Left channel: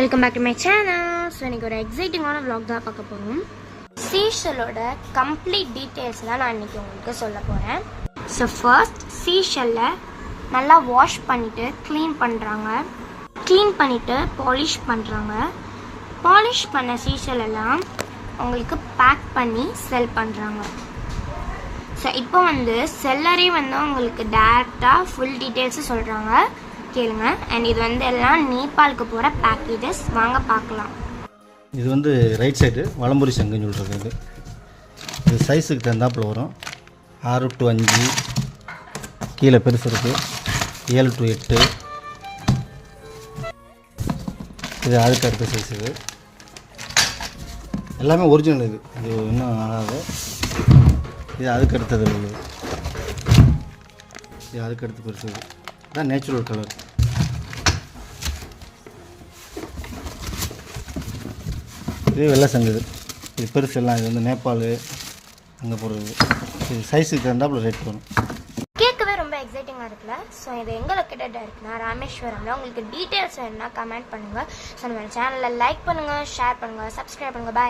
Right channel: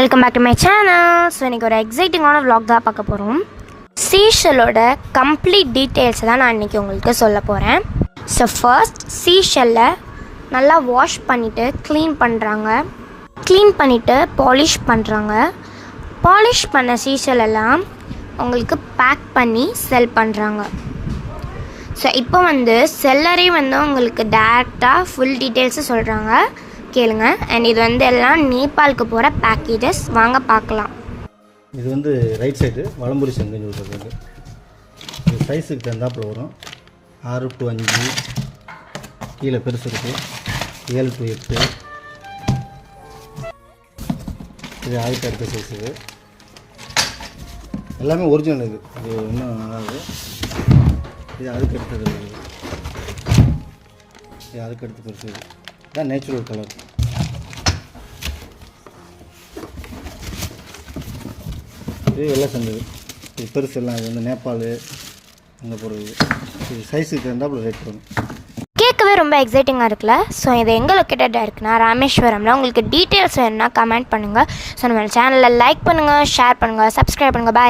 Welcome back to my channel. So இன்றைக்கி ஒரு எக்ஸைட்டிங்கான vlog தான் பார்க்க போகிறோம். சீஷெல்லோட கம்ப்ளீட் டீட்டெயில்ஸை தான் நான் இன்றைக்கி உங்களுக்கு சொல்ல போகிறேன். ஸோ ஃபர்ஸ்ட் சீஷெல்லை நல்லா வாஷ் பண்ணிவிட்டு க்ளீன் பண்ணிவிட்டு பாலிஷ் பண்ணுறாங்க. பாலிஷ் பண்ண சீஷெல்லாம் உங்களுக்கு பேக் பண்ணி செல் பண்ணுறாங்க. ஸோ இப்போ செல்லரே உங்களுக்கு டேரெக்டாக ஃபுல் டீட்டெயில்ஸு சொல்கிறாங்க, கேளுங்க. அண்ட் இது எல்லாம் நேபாளுக்கு போகிற பேக்கேஜஸ், வாங்க பார்க்கலாம். இது ரைட் சைடு வலம்புரி சங்குன்னு சொல்கிறது. இது சைஸுக்கு தகுந்தாப்பில் வரும். 6 to 5 கீழே பெருசு இருக்குது, 7 to 8 இது அதுக்கு அடுத்த சைஸு. எல்லாமே ஒரிஜினல். இது இன்னும் ஆகாது. இது அதுக்கு அடுத்தது வருது. இது அதுக்கு அடுத்து பெருசு. இதுதான் நேச்சுரல் கலர். இது வெள்ளை சங்குது. இது பெருசு எல்லாம். இது நேபாள் அங்கே போகிறது. இது சைஸுக்கு தகுந்தாப்புல ரேட் வரும். கேட்கவே ரொம்ப எக்ஸைட்டிங்காக இருக்குல்ல. ஸோ இது எங்கே லொக்கேட்டடாக இருக்குன்னா ராமேஸ்வரமில். உங்களுக்கு டீட்டெயில்ஸ் வேணுன்னா கமெண்ட் பண்ணுங்கள். ஸோ நம்ம சேனலில் லைக் பண்ணுங்கள், ஷேர் பண்ணுங்கள், சப்ஸ்கிரைப் பண்ணுங்கள். பாய்.